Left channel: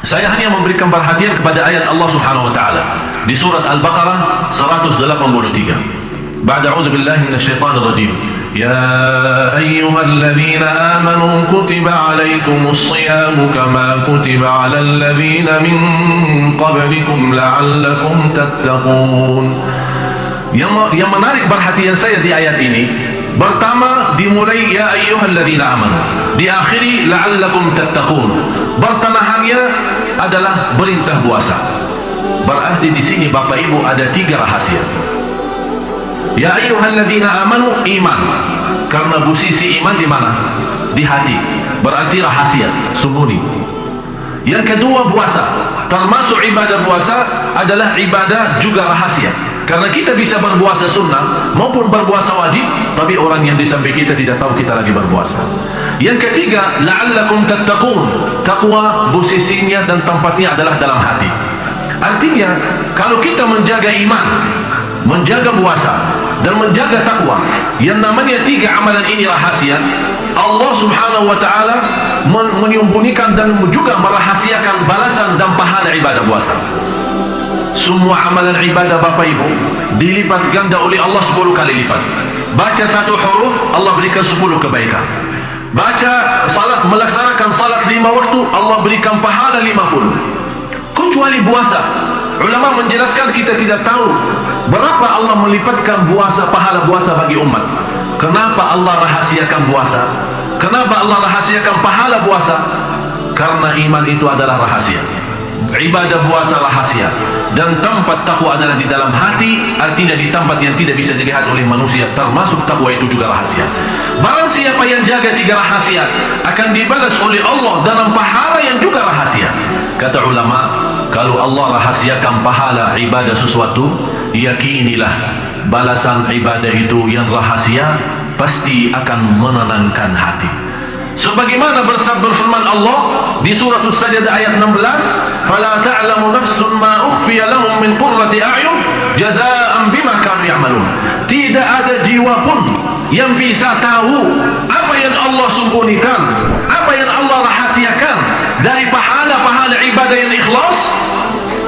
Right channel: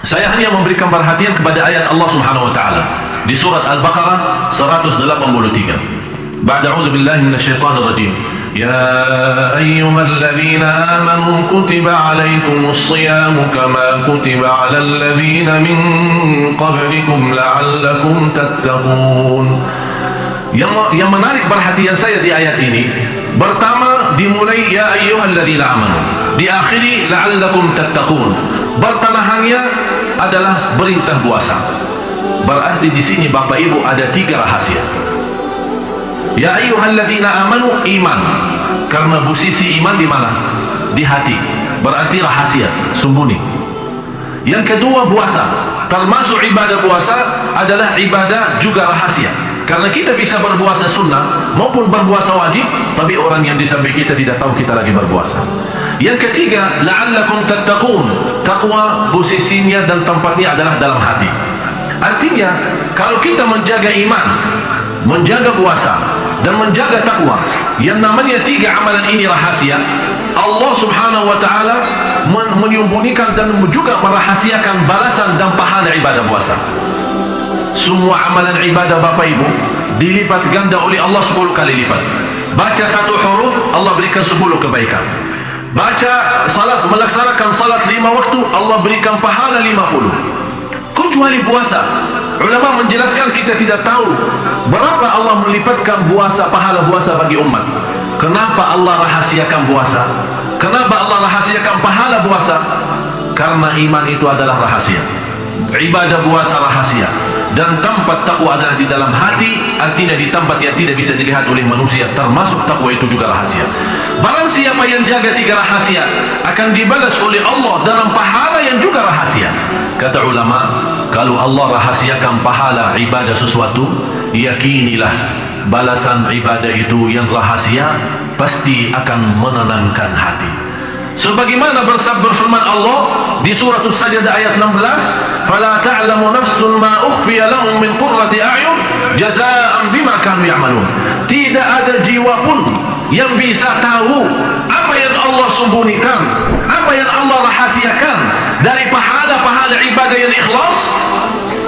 Saya hanya memberikan perhatian kepada ayat Allah Subhanahu wa taala di surat Al-Baqarah 183. Ba'da a'udzu billahi minasyaitonir rajim. Ya ayyuhalladzina amanu kutiba 'alaikumus shiyamu kama kutiba 'alal ladzina min qablikum la'allakum tattaqun. Yang menarik perhatian saya di ayat ini, pertama dimulai ya ayyuhalladzina amanu, diakhiri la'allakum tattaqun. Pertengahannya adalah perintah puasa. Berarti di sini Bapak Ibu ada 3 rahasia. Ya ayyuhalladzina amanu, iman. Karena posisi iman di mana? Di hati. Berarti rahasia, sembunyi. Yang kedua puasa. Termasuk ibadah puasa adalah ibadah juga rahasia. Karena kita bisa berpuasa sunnah maupun berpuasa wajib, tapi orang yang di samping kita tidak tahu kita lagi berpuasa. Yang ketiga, la'allakum tattaqun. Taqwa posisinya dan tempatnya adalah dalam hati. Artinya, kalau kita menjaga iman, menjaga puasa dan menjaga takwa, yang namanya 3 amalan ini rahasia, Allah Subhanahu wa taala menyembunyikan dan juga merahasiakan balasan dan pahala ibadah puasa. Semua amalan ibadah Bapak Ibu dilipat ganda oleh Allah 10 kali lipat. Baca 1 huruf, Allah berikan 10 kebaikan. Baca salat, melaksanakan salat 5 waktu, Allah berikan pahala 50. Kecuali puasa, ulama menjelaskan kita tidak tahu berapa Allah melipatkan puasa, pahala puasa bagi umat. Kenapa Allah rahasiakan puasa? Kenapa Allah rahasiakan pahala puasa? Karena iman itu adalah rahasia, ibadah puasa rahasia, dan tempat takwa adalah di dalam hati. Artinya di tempat yang tidak bisa dilihat oleh manusia, termasuk takwa itu juga rahasia. Barang siapa yang jaga 3 rahasia akan dibalas oleh Allah dalam pahala yang juga rahasia. Kata ulama, kalau Allah rahasiakan pahala ibadah sesuatu, yakinilah balasan ibadah itu yang rahasia pasti akan menenangkan hati. Sebagaimana berfirman Allah di surah As-Sajdah ayat 16, "Fala ta'lamu nafsun ma ukhfiya lahum min qurrati a'yun jazaa'an bima kanu ya'malun." Tidak ada jiwa pun yang bisa tahu apa yang Allah sembunyikan, apa yang Allah rahasiakan dari pahala-pahala ibadah yang ikhlas.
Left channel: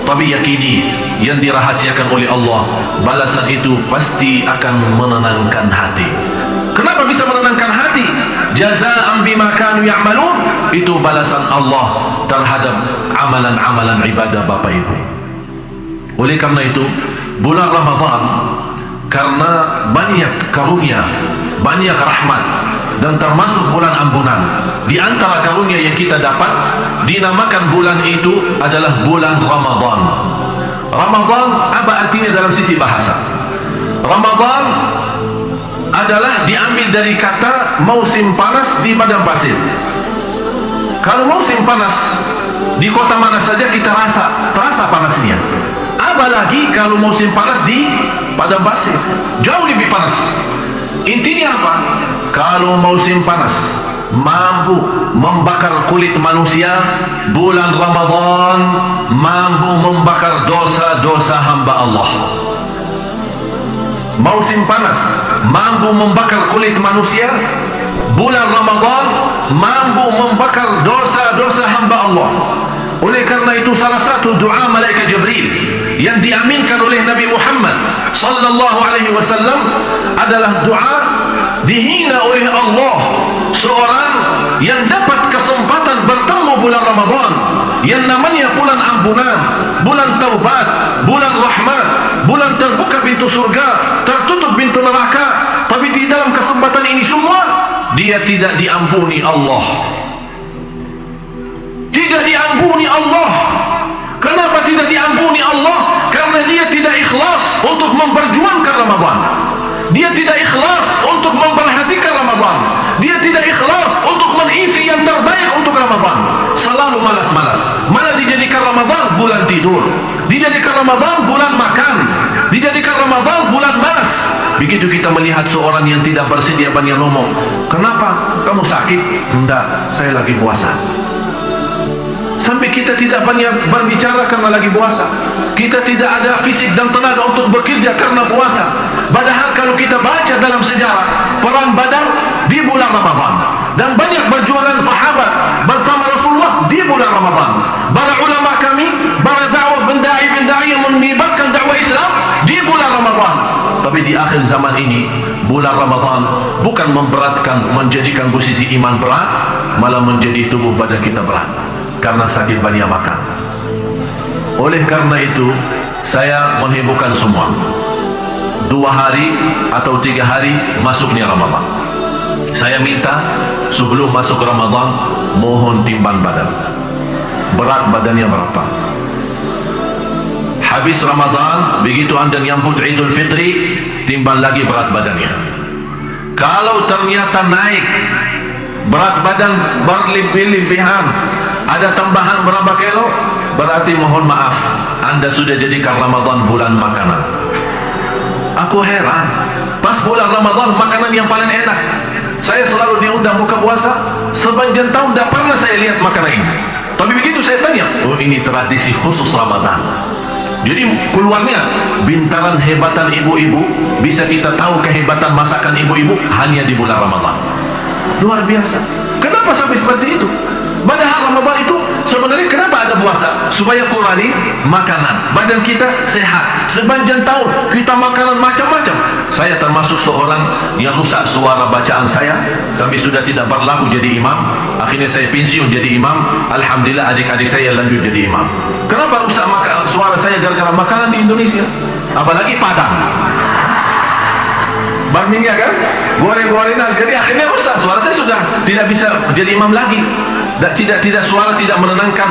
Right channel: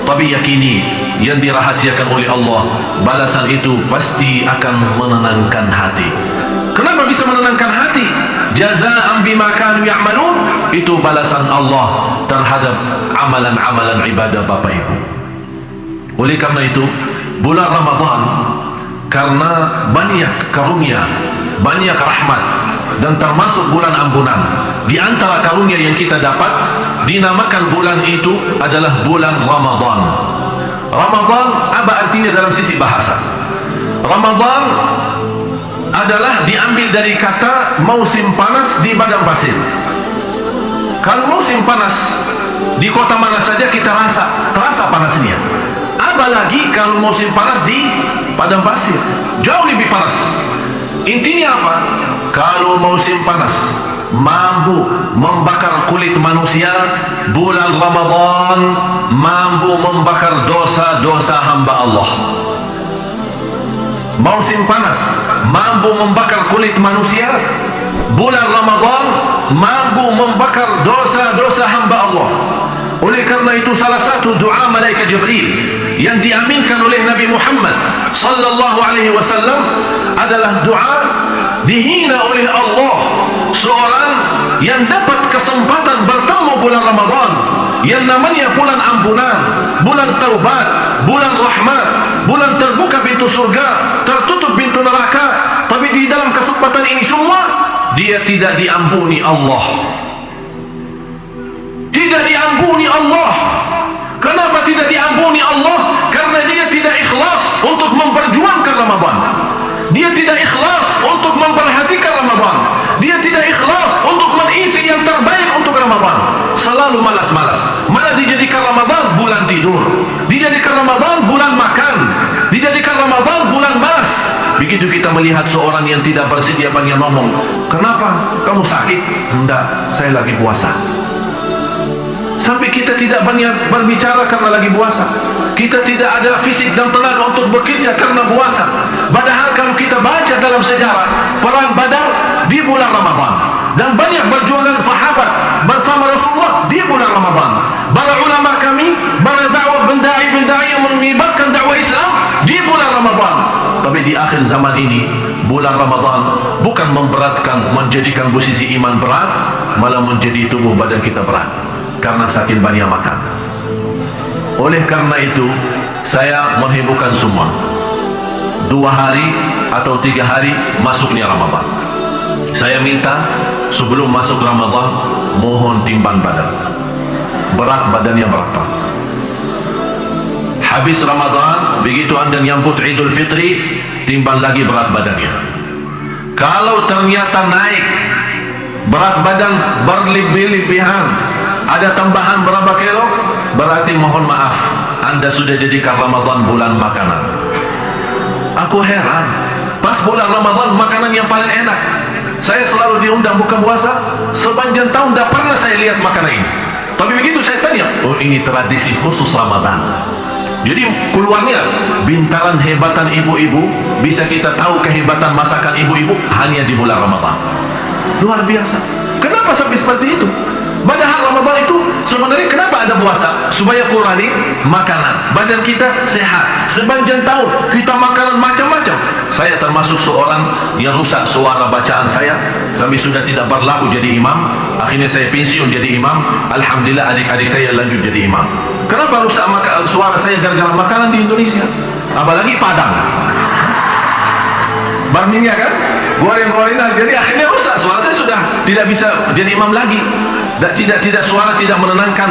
Tapi yakini yang dirahasiakan oleh Allah, balasan itu pasti akan menenangkan hati. Kenapa bisa menenangkan hati? Jazaa'an bima kanu ya'malun, itu balasan Allah terhadap amalan-amalan ibadah Bapak Ibu. Oleh karena itu, bulan Ramadan karena banyak karunia, banyak rahmat, dan termasuk bulan ampunan. Di antara karunia yang kita dapat, dinamakan bulan itu adalah bulan Ramadan. Ramadan apa artinya dalam sisi bahasa? Ramadan adalah diambil dari kata musim panas di padang pasir. Kalau musim panas di kota mana saja kita terasa panasnya. Apalagi kalau musim panas di padang pasir, jauh lebih panas. Intinya apa? Kalau musim panas mampu membakar kulit manusia, bulan Ramadan mampu membakar dosa-dosa hamba Allah. Musim panas mampu membakar kulit manusia, bulan Ramadan mampu membakar dosa-dosa hamba Allah. Oleh karena itu salah satu doa malaikat Jibril yang diaminkan oleh Nabi Muhammad sallallahu alaihi wasallam adalah doa dihina oleh Allah seorang yang dapat kesempatan bertemu bulan Ramadan yang namanya bulan ampunan, bulan taubat, bulan rahmat, bulan terbuka pintu surga, tertutup pintu neraka. Tapi di dalam kesempatan ini semua dia tidak diampuni Allah. Tidak diampuni Allah. Kenapa tidak diampuni Allah? Karena dia tidak ikhlas untuk memperjuangkan Ramadan. Dia tidak ikhlas untuk memperhatikan Ramadan. Dia tidak ikhlas untuk mengisi yang terbaik untuk Ramadan. Selalu malas-malas. Malah dijadikan Ramadan bulan tidur, dijadikan Ramadan bulan makan, dijadikan Ramadan bulan malas. Begitu kita melihat seorang yang tidak bersedia banyak ngomong, "Kenapa? Kamu sakit?" "Enggak, saya lagi puasa." Sampai kita tidak banyak berbicara karena lagi puasa. Kita tidak ada fisik dan tenaga untuk bekerja karena puasa. Padahal kalau kita baca dalam sejarah perang Badar di bulan Ramadan, dan banyak perjuangan sahabat bersama Rasulullah di bulan Ramadan. Para ulama kami, para dakwah bendai-bendai yang menyebarkan dakwah Islam di bulan Ramadan. Tapi di akhir zaman ini, bulan Ramadan bukan memberatkan, menjadikan posisi iman berat, malah menjadi tubuh badan kita berat karena saking banyak makan. Oleh karena itu, saya menghiburkan semua, 2 hari atau 3 hari masuknya Ramadan, saya minta sebelum masuk Ramadan, mohon timbang badan, berat badannya berapa. Habis Ramadan, begitu anda nyambut Idul Fitri, timbang lagi berat badannya. Kalau ternyata naik berat badan berlebih-lebihan, ada tambahan berapa kilo, berarti mohon maaf, anda sudah jadikan Ramadan bulan makanan. Aku heran, pas bulan Ramadan makanan yang paling enak. Saya selalu diundang buka puasa, sepanjang tahun tidak pernah saya lihat makanan ini. Tapi begitu saya tanya, oh ini tradisi khusus Ramadan. Jadi keluarnya bintaran hebatan ibu-ibu, bisa kita tahu kehebatan masakan ibu-ibu hanya di bulan Ramadan. Luar biasa. Kenapa sampai seperti itu? Padahal Ramadan itu sebenarnya kenapa ada puasa? Supaya kurangi makanan, badan kita sehat. Sepanjang tahun kita makanan macam-macam. Saya termasuk seorang yang rusak suara bacaan saya sampai sudah tidak berlaku jadi imam. Akhirnya saya pensiun jadi imam. Alhamdulillah adik-adik saya lanjut jadi imam. Kenapa rusak suara saya gara-gara makanan di Indonesia? Apalagi Padang, barminya kan, goreng-gorengan. Jadi akhirnya rusak suara saya, sudah tidak bisa jadi imam lagi. Tidak suara tidak menenangkan,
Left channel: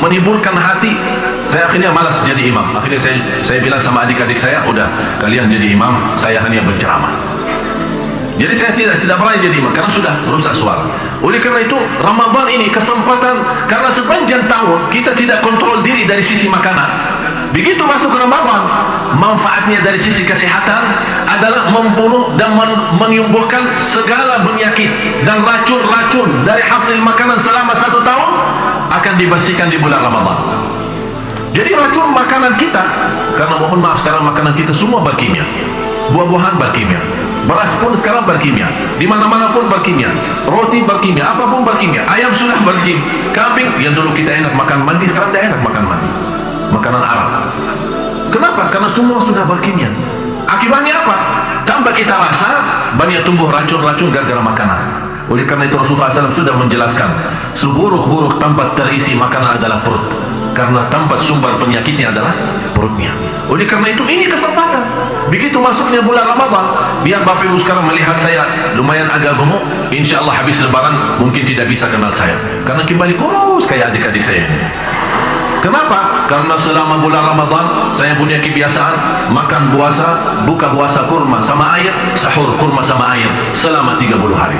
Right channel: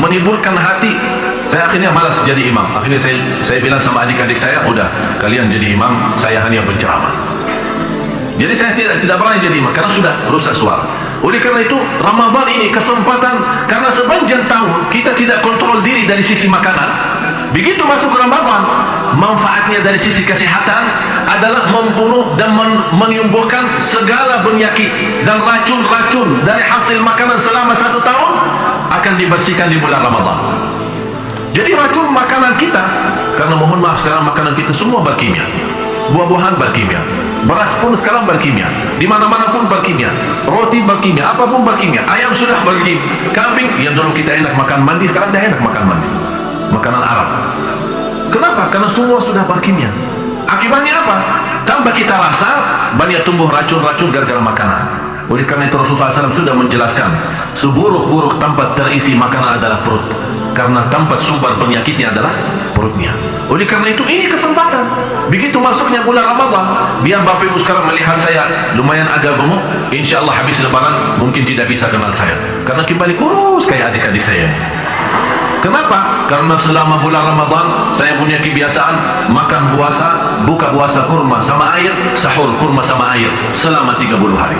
menghiburkan hati. Saya akhirnya malas jadi imam. Akhirnya saya bilang sama adik-adik saya, udah kalian jadi imam, saya hanya berceramah. Jadi saya tidak berani jadi imam karena sudah rusak suara. Oleh karena itu Ramadan ini kesempatan, karena sepanjang tahun kita tidak kontrol diri dari sisi makanan. Begitu masuk Ramadan, manfaatnya dari sisi kesehatan adalah membunuh dan menyembuhkan segala penyakit dan racun-racun dari hasil makanan selama 1 tahun akan dibersihkan di bulan Ramadan. Jadi racun makanan kita, karena mohon maaf sekarang makanan kita semua berkimia, buah-buahan berkimia, beras pun sekarang berkimia, di mana-mana pun berkimia, roti berkimia, apapun berkimia, ayam sudah berkimia, kambing yang dulu kita enak makan mandi sekarang tidak enak makan mandi, makanan Arab. Kenapa? Karena semua sudah berkimia. Akibatnya apa? Tambah kita rasa banyak tumbuh racun-racun gara-gara makanan. Oleh karena itu Rasulullah SAW sudah menjelaskan, seburuk-buruk tempat terisi makanan adalah perut, karena tempat sumber penyakitnya adalah perutnya. Oleh karena itu ini kesempatan. Begitu masuknya bulan Ramadan, biar Bapak Ibu sekarang melihat saya lumayan agak gemuk, insya Allah habis lebaran mungkin tidak bisa kenal saya, karena kembali kurus kayak adik-adik saya. Kenapa? Karena selama bulan Ramadan saya punya kebiasaan makan puasa, buka puasa kurma sama air, sahur kurma sama air selama 30 hari.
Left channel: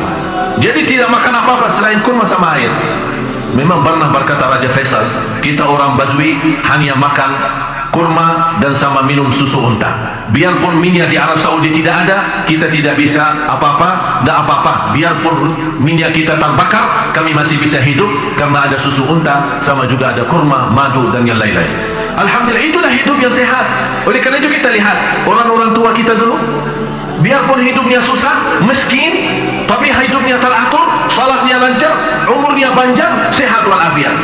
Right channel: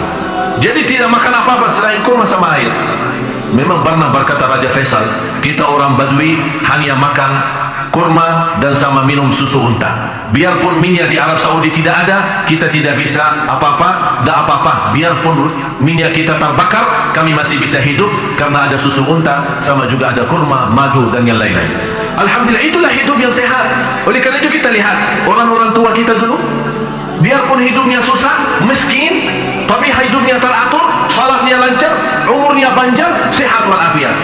Jadi tidak makan apa-apa selain kurma sama air. Memang pernah berkata Raja Faisal, kita orang Badui hanya makan kurma dan sama minum susu unta. Biarpun minyak di Arab Saudi tidak ada, kita tidak bisa apa-apa, tidak apa-apa. Biarpun minyak kita terbakar, kami masih bisa hidup karena ada susu unta, sama juga ada kurma, madu dan yang lain-lain. Alhamdulillah, itulah hidup yang sehat. Oleh karena itu kita lihat orang-orang tua kita dulu, biarpun hidupnya susah, miskin, tapi hidupnya teratur, salatnya lancar, umurnya panjang, sehat walafiat.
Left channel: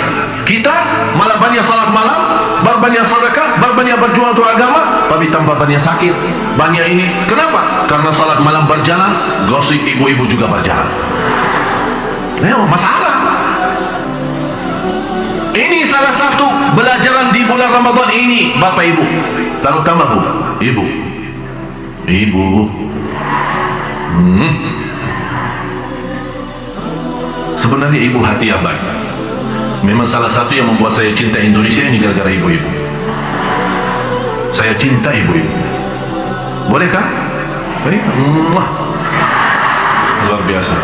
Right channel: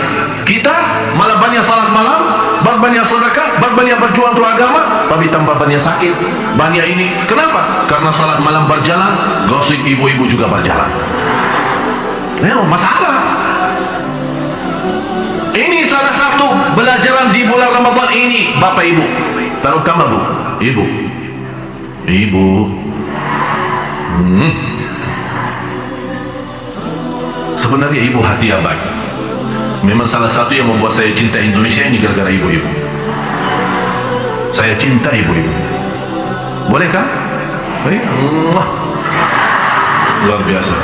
Kita malah banyak salat malam, banyak sedekah, banyak berjuang untuk agama, tapi tambah banyak sakit, banyak ini. Kenapa? Karena salat malam berjalan, gosip ibu-ibu juga berjalan. Masalah. Ini salah satu pelajaran di bulan Ramadan ini, Bapak Ibu, terutama Bu, Ibu. Sebenarnya ibu hati yang baik. Memang salah satu yang membuat saya cinta Indonesia ini gara-gara ibu-ibu. Saya cinta ibu-ibu. Boleh kan? Luar biasa.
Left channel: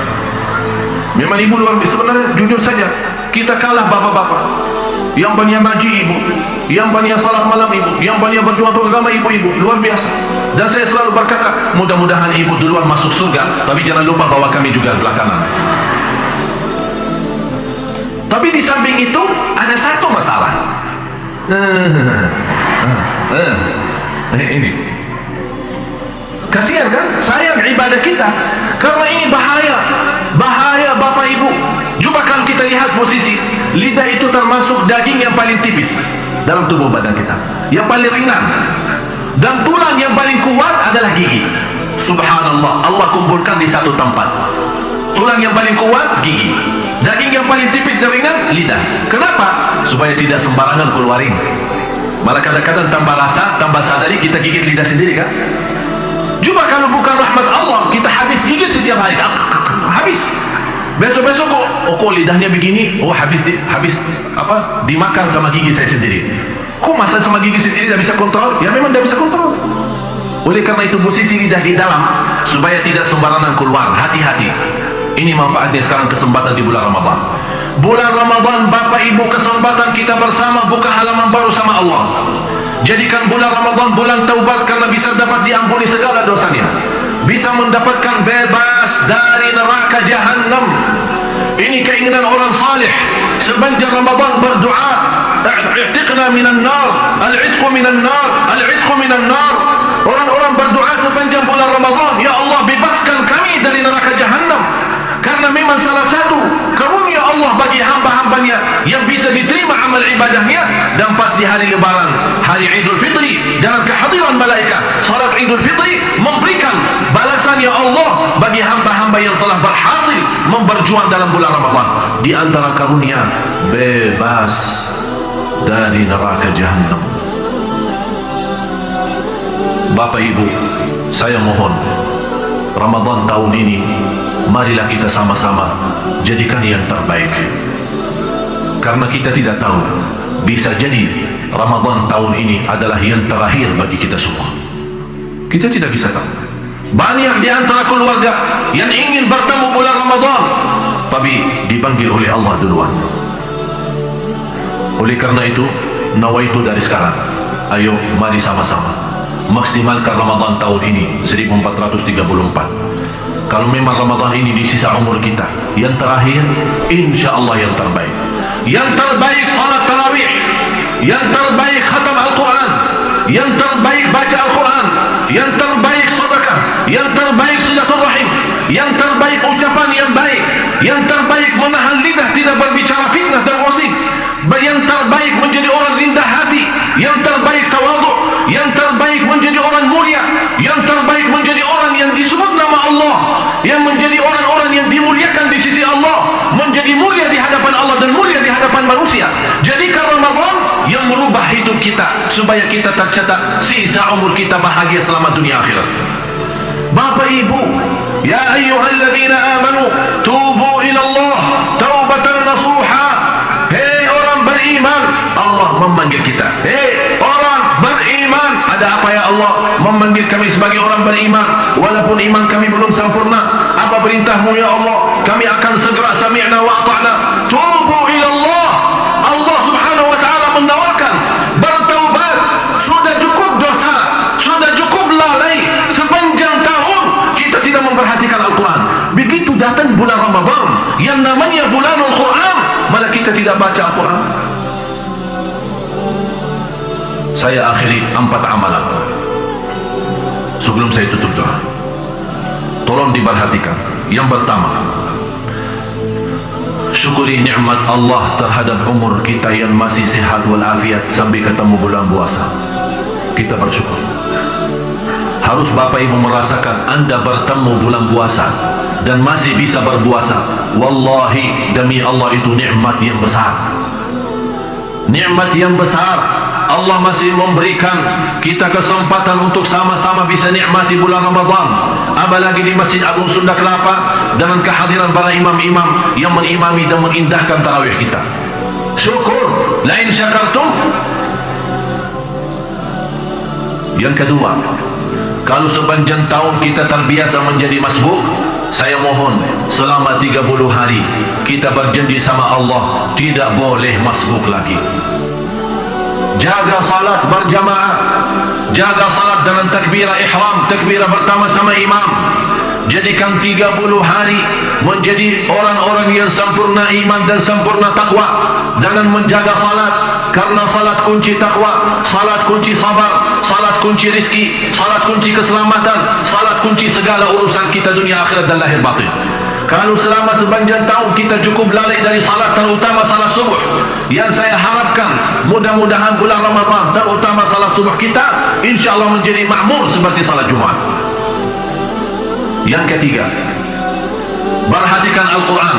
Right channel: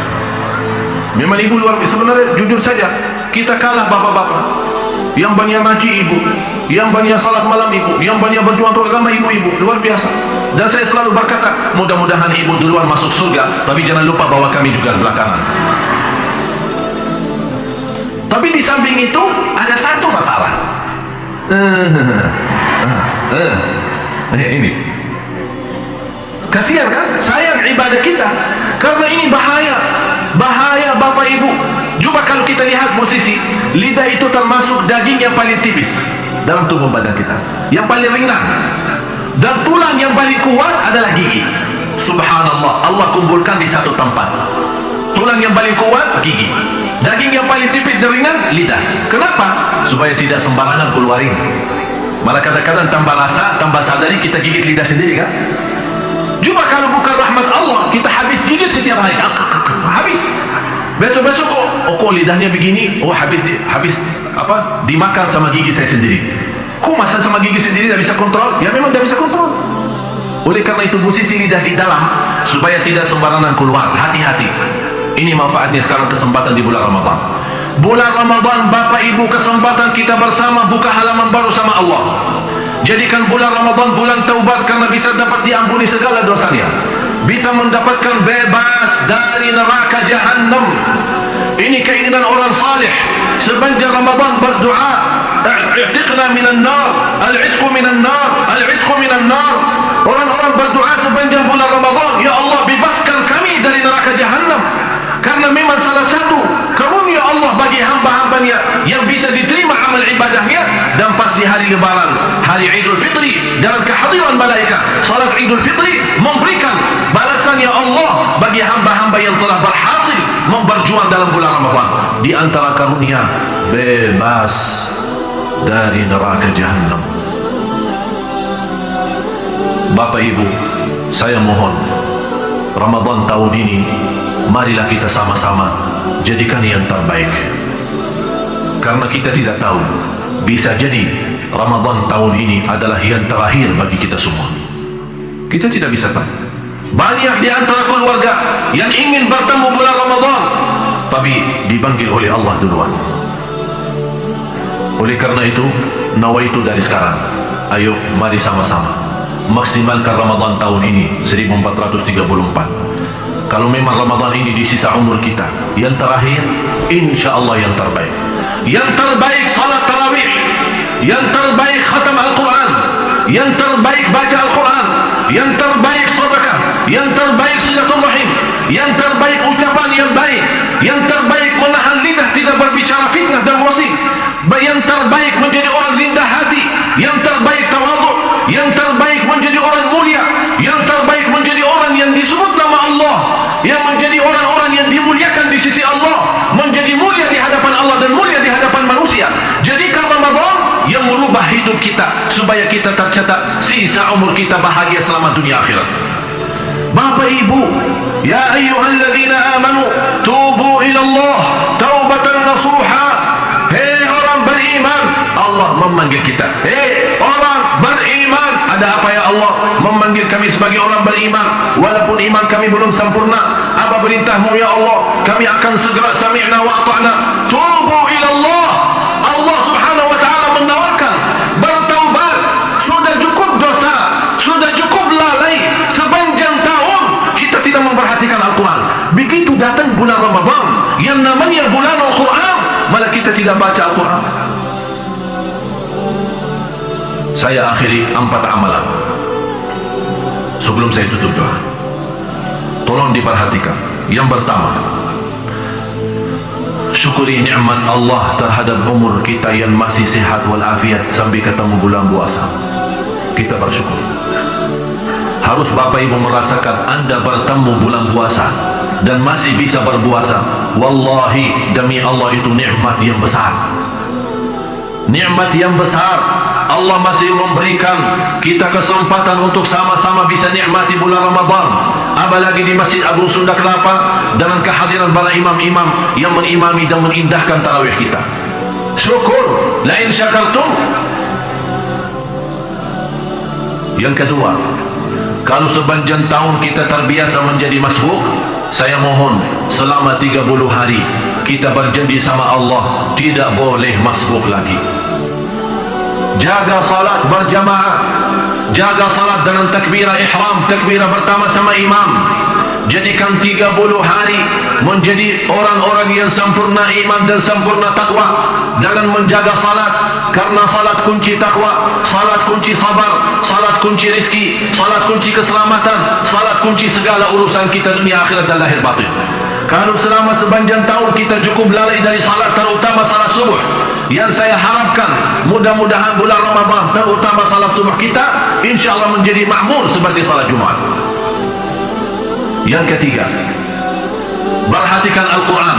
Memang ibu luar biasa. Sebenarnya jujur saja, kita kalah bapak-bapak. Yang banyak ngaji ibu, yang banyak salat malam ibu, yang banyak berjuang untuk agama ibu-ibu. Luar biasa. Dan saya selalu berkata, mudah-mudahan ibu duluan masuk surga, tapi jangan lupa bahwa kami juga belakangan. Tapi di samping itu ada satu masalah. Ini kasihan kan? Sayang ibadah kita, karena ini bahaya. Bahaya Bapak Ibu. Cuba kalau kita lihat posisi lidah, itu termasuk daging yang paling tipis dalam tubuh badan kita, yang paling ringan, dan tulang yang paling kuat adalah gigi. Subhanallah, Allah kumpulkan di satu tempat. Tulang yang paling kuat gigi, daging yang paling tipis dan ringan lidah. Kenapa? Supaya tidak sembarangan keluarin. Malah kadang-kadang tambah rasa, tambah sadari kita gigit lidah sendiri kan. Coba kalau bukan rahmat Allah, kita habis gigit setiap hari, habis. Besok-besok kok lidahnya begini, habis dimakan sama gigi saya sendiri. Kok masa sama gigi sendiri tidak bisa kontrol? Ya memang tidak bisa kontrol. Oleh karena itu posisi lidah di dalam supaya tidak sembarangan keluar. Hati-hati. Ini manfaatnya sekarang, kesempatan di bulan Ramadan. Bulan Ramadan Bapak Ibu, kesempatan kita bersama buka halaman baru sama Allah. Jadikan bulan Ramadan bulan taubat, karena bisa dapat diampuni segala dosanya, bisa mendapatkan bebas dari neraka jahanam. Ini keinginan orang salih. Sepanjang Ramadan berdoa, i'tiqna minan nar, al-'itqu minan nar, al-'itqu minan nar. Orang-orang berdoa sepanjang bulan Ramadan, ya Allah bebaskan kami dari neraka jahanam. Karena memang salah satu karunia Allah bagi hamba-hambanya yang bisa diterima amal ibadahnya. Dan pas di hari lebaran, hari Idul Fitri, dalam kehadiran malaikat, salat Idul Fitri memberikan balasannya Allah bagi hamba-hamba yang telah berhasil memberjuang dalam bulan Ramadan. Di antara karunia, bebas dari neraka jahanam. Bapak Ibu, saya mohon, Ramadan tahun ini marilah kita sama-sama jadikan yang terbaik. Karena kita tidak tahu, bisa jadi Ramadan tahun ini adalah yang terakhir bagi kita semua. Kita tidak bisa tahu. Banyak di antara keluarga yang ingin bertemu bulan Ramadan, tapi dipanggil oleh Allah duluan. Oleh karena itu, nawaitu dari sekarang, ayo mari sama-sama maksimalkan Ramadan tahun ini 1434. Kalau memang Ramadan ini di sisa umur kita yang terakhir, insya Allah yang terbaik. Yang terbaik salat tarawih, yang terbaik khatam Al-Quran, yang terbaik baca Al-Quran, yang terbaik sedekah, yang terbaik silaturahim, yang terbaik ucapan yang baik, yang terbaik menahan lidah tidak berbicara fitnah dan gosip, yang terbaik menjadi orang rendah hati, yang terbaik tawadhu, yang terbaik menjadi orang mulia, yang terbaik menjadi orang yang disebut nama Allah, yang menjadi orang-orang yang dimuliakan di sisi Allah, menjadi mulia di hadapan Allah dan mulia di hadapan manusia. Jadikan Ramadan yang merubah hidup kita supaya kita tercatat sisa umur kita bahagia selama dunia akhirat. Bapak Ibu, ya ayyuhalladzina amanu tubu ila Allah taubatan nasuha. Hei orang beriman, Allah memanggil kita. Hei orang beriman, ada apa ya Allah memanggil kami sebagai orang beriman? Walaupun iman kami belum sempurna, apa perintahmu ya Allah? Kami akan segera sami'na wa ata'na. Tubu ila Allah. Allah subhanahu wa ta'ala menawarkan bertaubat. Sudah cukup dosa, sudah cukup lalai sepanjang tahun kita tidak memperhatikan Al-Quran. Begitu datang bulan Ramadan yang namanya bulan Al-Quran, malah kita tidak baca Al-Quran. Saya akhiri 4 amalan sebelum saya tutup doa. Tolong diperhatikan. Yang pertama, syukuri nikmat Allah terhadap umur kita yang masih sehat walafiat sampai ketemu bulan puasa. Kita bersyukur. Harus Bapak Ibu merasakan Anda bertemu bulan puasa dan masih bisa berpuasa. Wallahi, demi Allah, itu nikmat yang besar. Nikmat yang besar. Allah masih memberikan kita kesempatan untuk sama-sama bisa nikmati bulan Ramadan, apalagi di Masjid Agung Sunda Kelapa dengan kehadiran para imam-imam yang menimami dan mengindahkan tarawih kita. Syukur, lain syakartum. Yang kedua, kalau sepanjang tahun kita terbiasa menjadi masbuk, saya mohon selama 30 hari kita berjanji sama Allah tidak boleh masbuk lagi. Jaga salat berjamaah, jaga salat dengan takbirah ihram, takbirah pertama sama imam. Jadikan 30 hari menjadi orang-orang yang sempurna iman dan sempurna takwa dengan menjaga salat, karena salat kunci takwa, salat kunci sabar, salat kunci rizki, salat kunci keselamatan, salat kunci segala urusan kita dunia akhirat dan lahir batin. Kalau selama sepanjang tahun kita cukup lalai dari salat, terutama salat subuh, yang saya harapkan mudah-mudahan bulan Ramadan terutama salat subuh kita insyaAllah menjadi makmur seperti salat Jumat. Yang ketiga, perhatikan Al-Quran.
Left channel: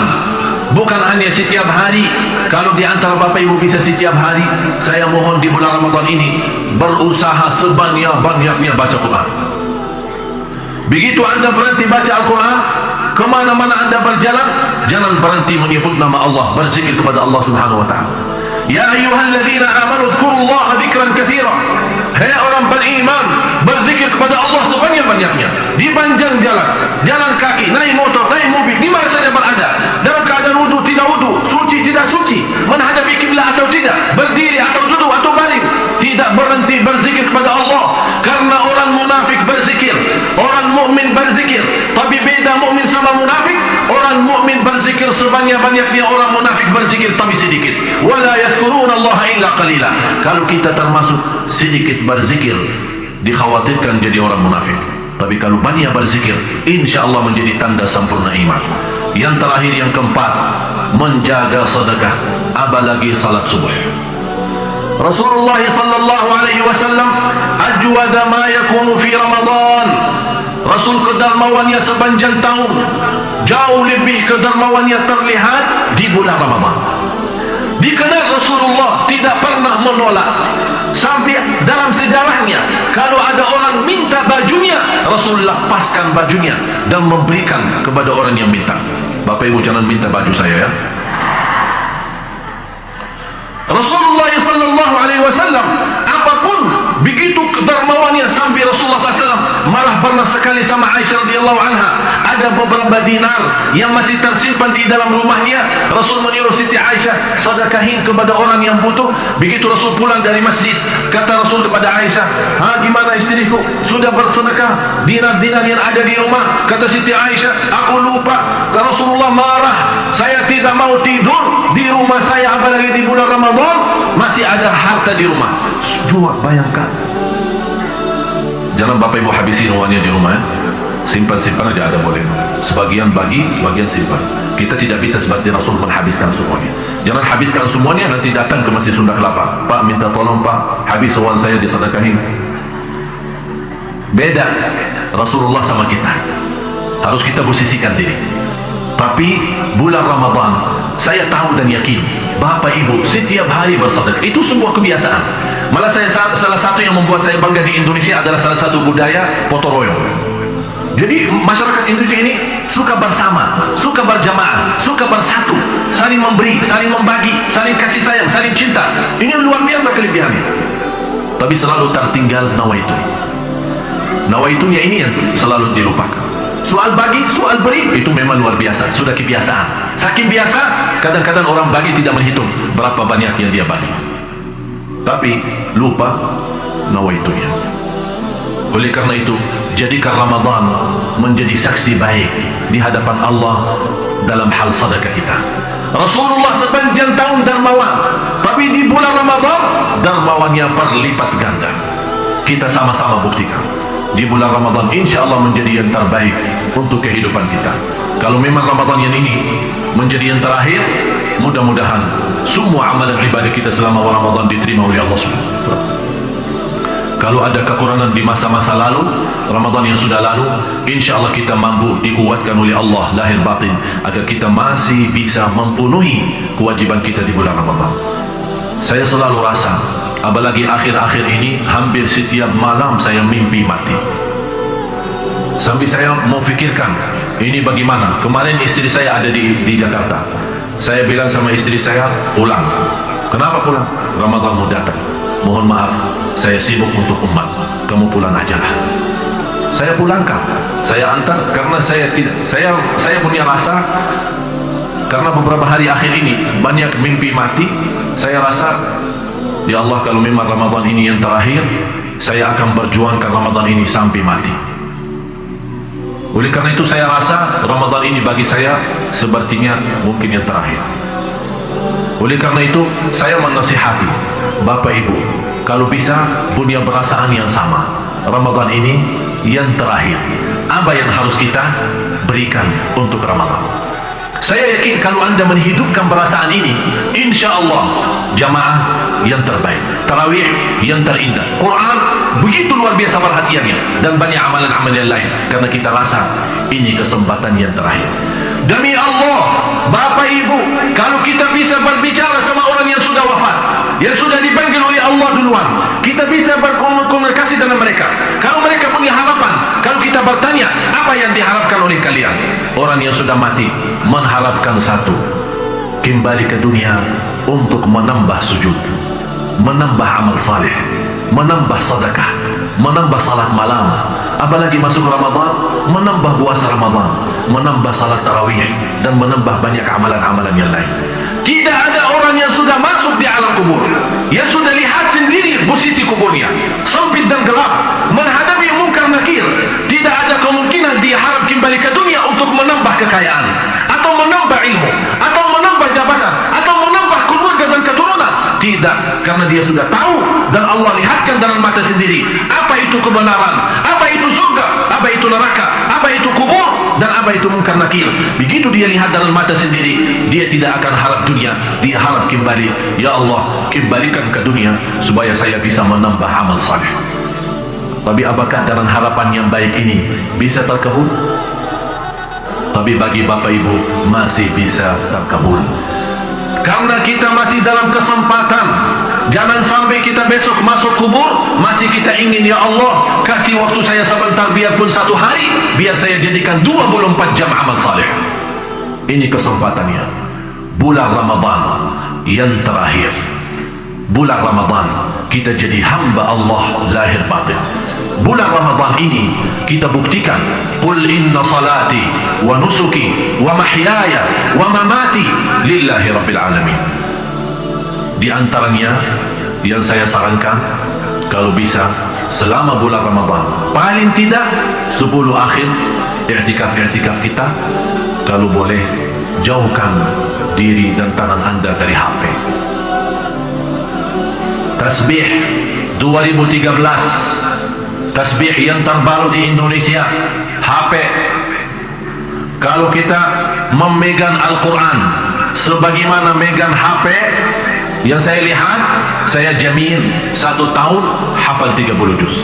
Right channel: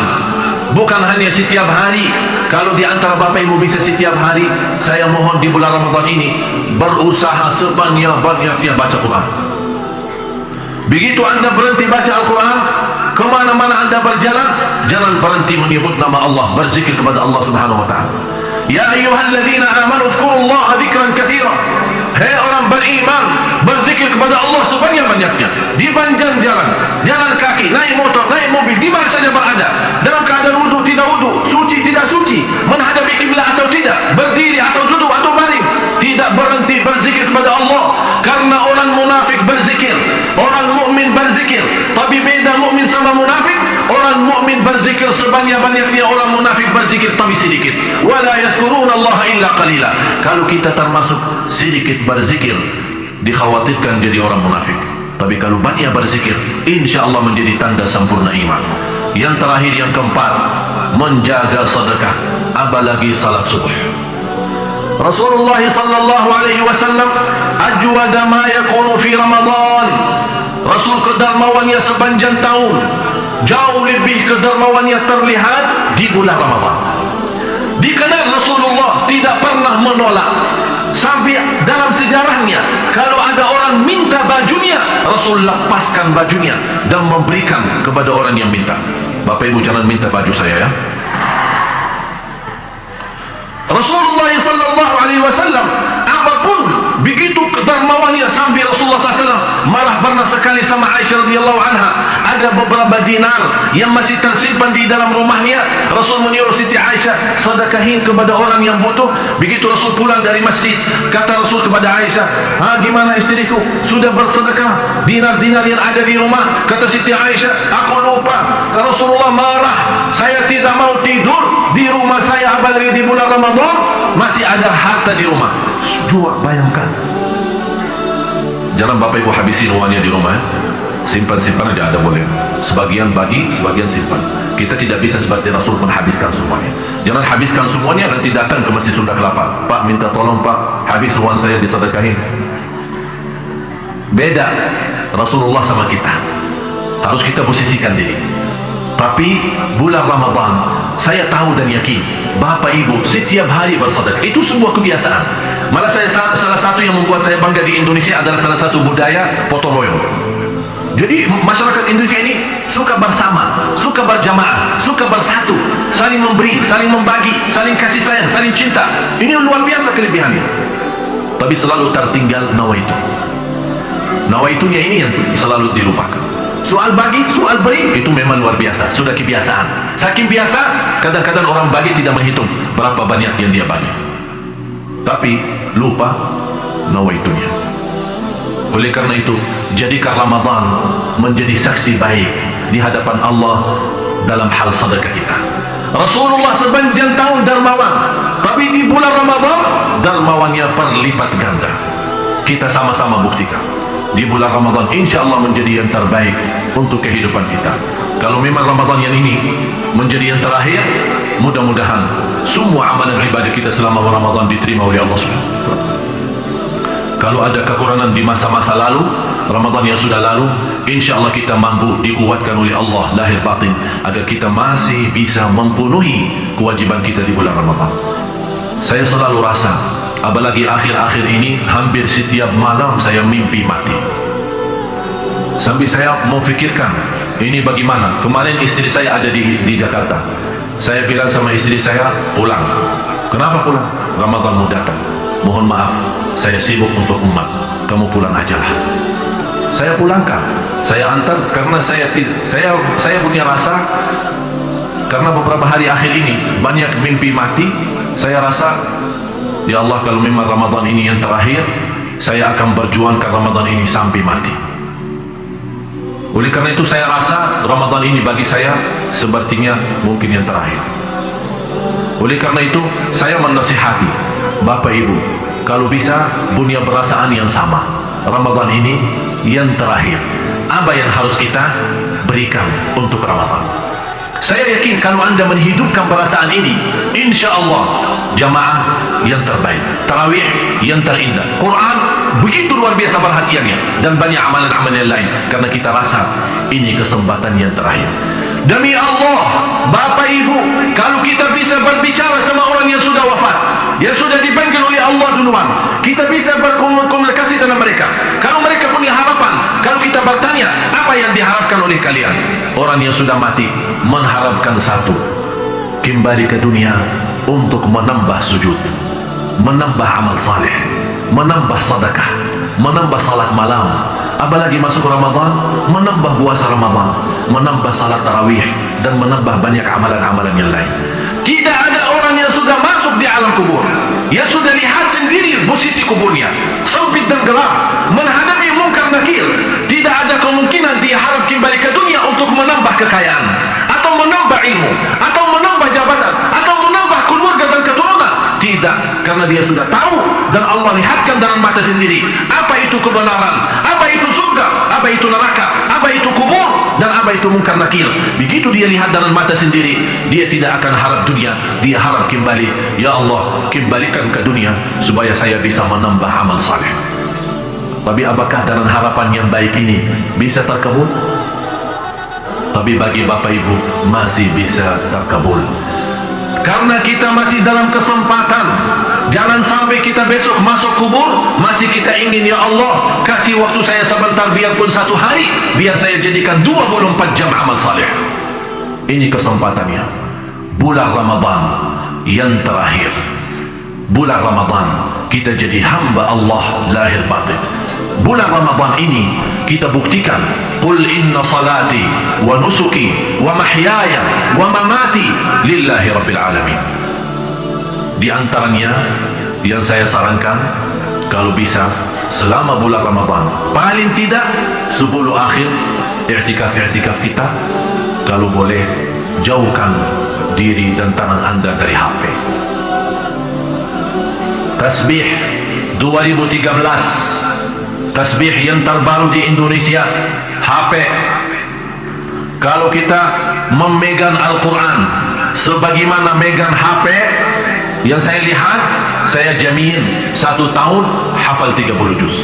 Bukan hanya setiap hari. Kalau di antara Bapak Ibu bisa setiap hari, saya mohon di bulan Ramadan ini berusaha sebanyak-banyaknya baca Quran. Begitu Anda berhenti baca Al-Quran, kemana-mana Anda berjalan, jangan berhenti menyebut nama Allah, berzikir kepada Allah Subhanahu wa ta'ala. Ya ayyuhalladzina amanu dzkurullaha dzikran katsira. Hai orang beriman, berzikir kepada Allah sebanyak-banyaknya. Di panjang jalan, jalan kaki, naik motor, naik mobil, di mana saja berada, dalam keadaan wudu, tidak wudu, suci, tidak suci, menghadapi kiblat atau tidak, berdiri atau duduk atau baring, tidak berhenti berzikir kepada Allah. Karena orang munafik berzikir, orang mukmin berzikir. Tapi beda mukmin sama munafik. Orang mukmin berzikir sebanyak-banyaknya, orang munafik berzikir tapi sedikit. Wala yadhkurunallaha illa qalila. Kalau kita termasuk sedikit berzikir, dikhawatirkan jadi orang munafik. Tapi kalau banyak berzikir, insyaallah menjadi tanda sempurna iman. Yang terakhir, yang keempat, menjaga sedekah, apalagi salat subuh. Rasulullah sallallahu alaihi wasallam ajwada ma yakunu fi Ramadan. Rasul kedermawannya sepanjang tahun, jauh lebih kedermawannya terlihat di bulan Ramadan. Dikenal Rasulullah tidak pernah menolak. Sampai dalam sejarahnya, kalau ada orang minta bajunya, Rasul lepaskan bajunya dan memberikan kepada orang yang minta. Bapak Ibu jangan minta baju saya ya. Rasulullah sallallahu alaihi wasallam apapun begitu kedermawannya sampai Rasulullah SAW malah pernah sekali sama Aisyah radhiyallahu anha ada beberapa dinar yang masih tersimpan di dalam rumahnya. Rasul menyuruh Siti Aisyah sedekahin kepada orang yang butuh. Begitu Rasul pulang dari masjid, kata Rasul kepada Aisyah, gimana istriku, sudah bersedekah dinar-dinar yang ada di rumah? Kata Siti Aisyah, aku lupa. Rasulullah marah, saya tidak mau tidur di rumah saya apalagi di bulan Ramadan masih ada harta di rumah. Jual, bayangkan. Jangan Bapak Ibu habisi uangnya di rumah ya. Simpan-simpan aja, ada boleh. Sebagian bagi, sebagian simpan. Kita tidak bisa seperti Rasul menghabiskan semuanya. Jangan habiskan semuanya nanti datang ke Masjid Sunda Kelapa, Pak minta tolong Pak, habis uang saya disedekahin. Beda Rasulullah sama kita. Harus kita posisikan diri. Tapi bulan Ramadan saya tahu dan yakin Bapak Ibu setiap hari bersedekah. Itu sebuah kebiasaan. Malah salah satu yang membuat saya bangga di Indonesia adalah salah satu budaya potong royong. Jadi masyarakat Indonesia ini suka bersama, suka berjamaah, suka bersatu, saling memberi, saling membagi, saling kasih sayang, saling cinta. Ini luar biasa kelebihannya. Tapi selalu tertinggal nawaitu. Nawaitunya ini yang selalu dilupakan. Soal bagi, soal beri, itu memang luar biasa, sudah kebiasaan. Saking biasa, kadang-kadang orang bagi tidak menghitung berapa banyak yang dia bagi. Tapi lupa nawaitunya. Oleh karena itu, jadikan Ramadan menjadi saksi baik di hadapan Allah dalam hal sedekah kita. Rasulullah sepanjang tahun dermawan, tapi di bulan Ramadan dermawannya berlipat ganda. Kita sama-sama buktikan. Di bulan Ramadan insya Allah menjadi yang terbaik untuk kehidupan kita. Kalau memang Ramadan yang ini menjadi yang terakhir, mudah-mudahan semua amalan ibadah kita selama Ramadan diterima oleh Allah SWT. Kalau ada kekurangan di masa-masa lalu, Ramadan yang sudah lalu, insya Allah kita mampu dikuatkan oleh Allah lahir batin agar kita masih bisa memenuhi kewajiban kita di bulan Ramadan. Saya selalu rasa, apalagi akhir-akhir ini, hampir setiap malam saya mimpi mati. Sampai saya mau fikirkan, ini bagaimana? Kemarin istri saya ada di Jakarta. Saya bilang sama istri saya, pulang. Kenapa pulang? Ramadan mau datang. Mohon maaf, saya sibuk untuk umat. Kamu pulang ajalah. Saya pulangkan, saya antar karena saya punya rasa, karena beberapa hari akhir ini banyak mimpi mati. Saya rasa, ya Allah, kalau memang Ramadan ini yang terakhir, saya akan berjuangkan Ramadan ini sampai mati. Oleh karena itu saya rasa Ramadan ini bagi saya sepertinya mungkin yang terakhir. Oleh karena itu saya menasihati Bapak Ibu, kalau bisa punya perasaan yang sama. Ramadan ini yang terakhir. Apa yang harus kita berikan untuk Ramadan? Saya yakin kalau Anda menghidupkan perasaan ini, insya Allah jamaah yang terbaik, tarawih yang terindah, Quran begitu luar biasa perhatiannya, dan banyak amalan-amalan yang lain, karena kita rasa ini kesempatan yang terakhir. Demi Allah, Bapak Ibu, kalau kita bisa berbicara sama orang yang sudah wafat, yang sudah dipanggil oleh Allah duluan, kita bisa berkomunikasi dengan mereka. Kalau mereka punya harapan, kalau kita bertanya apa yang diharapkan oleh kalian, orang yang sudah mati mengharapkan satu, kembali ke dunia untuk menambah sujud, menambah amal saleh, menambah sedekah, menambah salat malam, apalagi masuk Ramadan, menambah puasa Ramadan, menambah salat tarawih, dan menambah banyak amalan-amalan yang lain. Tidak ada orang yang sudah masuk di alam kubur, yang sudah lihat sendiri posisi kuburnya sempit dan gelap, menghadapi mungkar nakir, tidak ada kemungkinan dia harap kembali ke dunia untuk menambah kekayaan, atau menambah ilmu, atau menambah jabatan, atau menambah keluarga dan keturunan. Tidak, karena dia sudah tahu dan Allah lihatkan dengan mata sendiri apa itu kebenaran, apa itu surga, apa itu neraka, apa itu kubur, dan apa itu mungkar nakir. Begitu dia lihat dengan mata sendiri, dia tidak akan harap dunia, dia harap kembali. Ya Allah, kembalikan ke dunia supaya saya bisa menambah amal saleh. Tapi apakah dengan harapan yang baik ini bisa terkabul? Tapi bagi Bapak Ibu masih bisa terkabul, karena kita masih dalam kesempatan. Jangan sampai kita besok masuk kubur masih kita ingin, ya Allah kasih waktu saya sebentar, biarpun 1 hari, biar saya jadikan 24 jam amal saleh. Ini kesempatannya. Bulan Ramadan yang terakhir, bulan Ramadan kita jadi hamba Allah lahir batin. Bulan Ramadan ini kita buktikan, qul inna salati wa nusuki wa mahyaya wa mamati lillahi rabbil alamin. Di antaranya yang saya sarankan, kalau bisa selama bulan Ramadan, paling tidak 10 akhir i'tikaf kita, kalau boleh jauhkan diri dan tangan Anda dari HP. Tasbih 2013, tasbih yang terbaru di Indonesia, HP. Kalau kita memegang Al-Quran sebagaimana megang HP, yang saya lihat, saya jamin 1 tahun hafal 30 juz.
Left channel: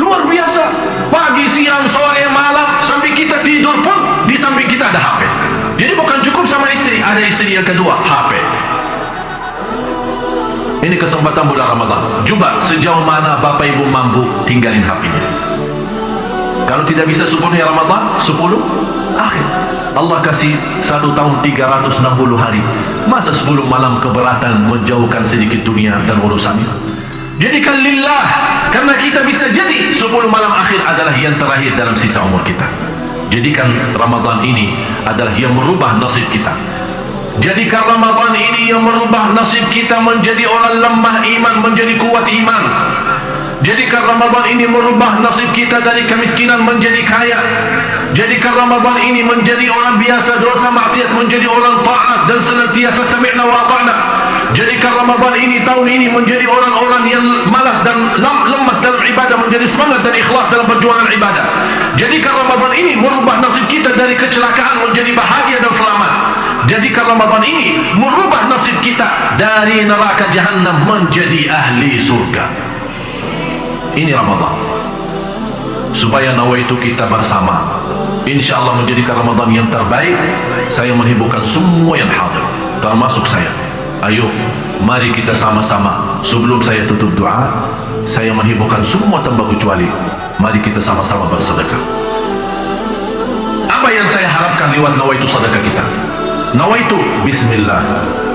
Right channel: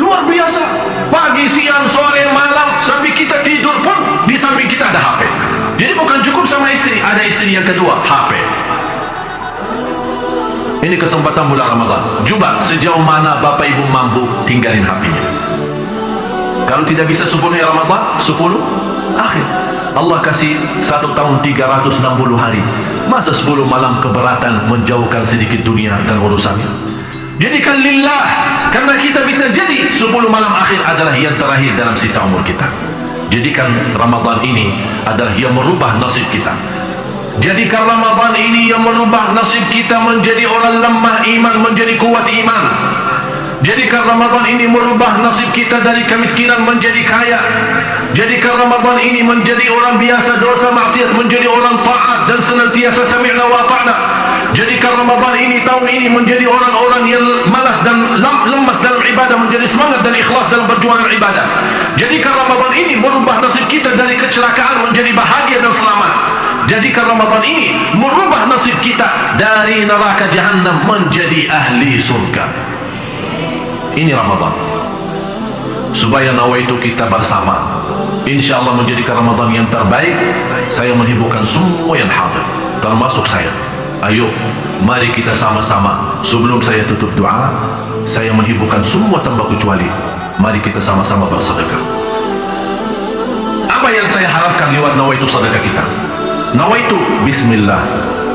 Luar biasa. Pagi, siang, sore, malam, sampai kita tidur pun di samping kita ada HP. Jadi bukan cukup sama istri, ada istri yang kedua, HP. Ini kesempatan bulan Ramadan. Coba sejauh mana Bapak Ibu mampu tinggalin HP-nya. Kalau tidak bisa 10 Ramadan, 10 akhir. Allah kasih 1 tahun 360 hari. Masa 10 malam keberatan menjauhkan sedikit dunia dan urusannya? Jadikan lillah, karena kita bisa jadi 10 malam akhir adalah yang terakhir dalam sisa umur kita. Jadikan Ramadan ini adalah yang merubah nasib kita. Jadikan Ramadan ini yang merubah nasib kita menjadi orang lemah iman menjadi kuat iman. Jadikan Ramadan ini merubah nasib kita dari kemiskinan menjadi kaya. Jadikan Ramadan ini menjadi orang biasa dosa maksiat menjadi orang taat dan senantiasa sami'na wa ata'na. Jadikan Ramadan ini, tahun ini, menjadi orang-orang yang malas dan lemas dalam ibadah menjadi semangat dan ikhlas dalam perjuangan ibadah. Jadikan Ramadan ini merubah nasib kita dari kecelakaan menjadi bahagia dan selamat. Jadikan Ramadan ini merubah nasib kita dari neraka jahannam menjadi ahli surga. Ini Ramadan, supaya nawaitu kita bersama insya Allah menjadikan Ramadan yang terbaik. Saya menghiburkan semua yang hadir, termasuk saya. Ayo, mari kita sama-sama. Sebelum saya tutup doa, saya menghiburkan semua tanpa kecuali, mari kita sama-sama bersedekah. Apa yang saya harapkan lewat nawaitu sedekah kita? Nawaitu bismillah,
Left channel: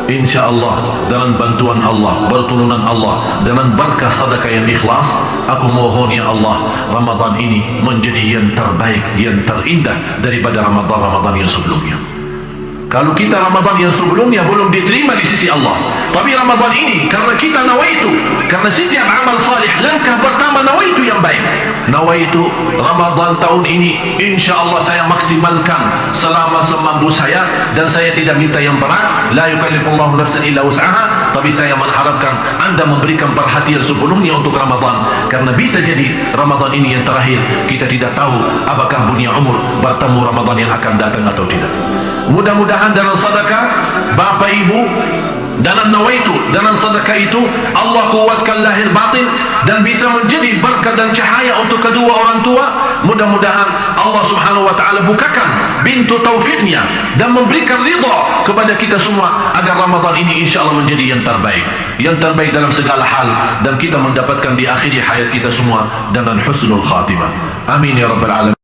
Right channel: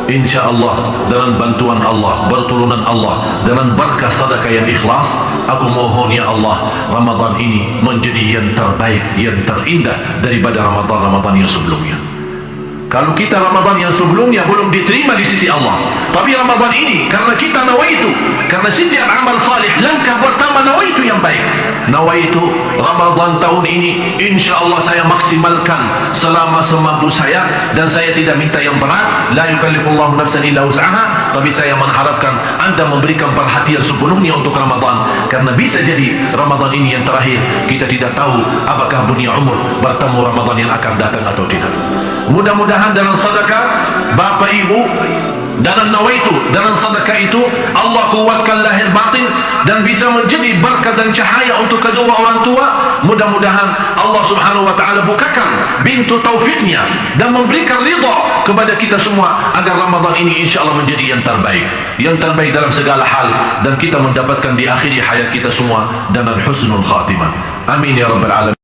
insya Allah dengan bantuan Allah, pertolongan Allah, dengan berkah sedekah yang ikhlas, aku mohon ya Allah, Ramadan ini menjadi yang terbaik, yang terindah daripada Ramadan-Ramadan yang sebelumnya. Kalau kita Ramadan yang sebelumnya belum diterima di sisi Allah, tapi Ramadan ini karena kita nawaitu, karena setiap amal salih langkah pertama nawaitu yang baik. Nawaitu Ramadan tahun ini insya Allah saya maksimalkan selama semampu saya, dan saya tidak minta yang berat, la yukallifullahu nafsan illa wus'aha, tapi saya mengharapkan Anda memberikan perhatian sepenuhnya untuk Ramadan, karena bisa jadi Ramadan ini yang terakhir. Kita tidak tahu apakah dunia umur bertemu Ramadan yang akan datang atau tidak. Mudah-mudahan dalam sedekah Bapak Ibu, dalam nawaitu, dalam sedekah itu Allah kuatkan lahir batin dan bisa menjadi berkat dan cahaya untuk kedua orang tua. Mudah-mudahan Allah subhanahu wa ta'ala bukakan pintu taufiknya dan memberikan ridha kepada kita semua agar Ramadan ini insya Allah menjadi yang terbaik dalam segala hal, dan kita mendapatkan di akhir hayat kita semua dengan husnul khatimah. Amin ya rabbal alamin.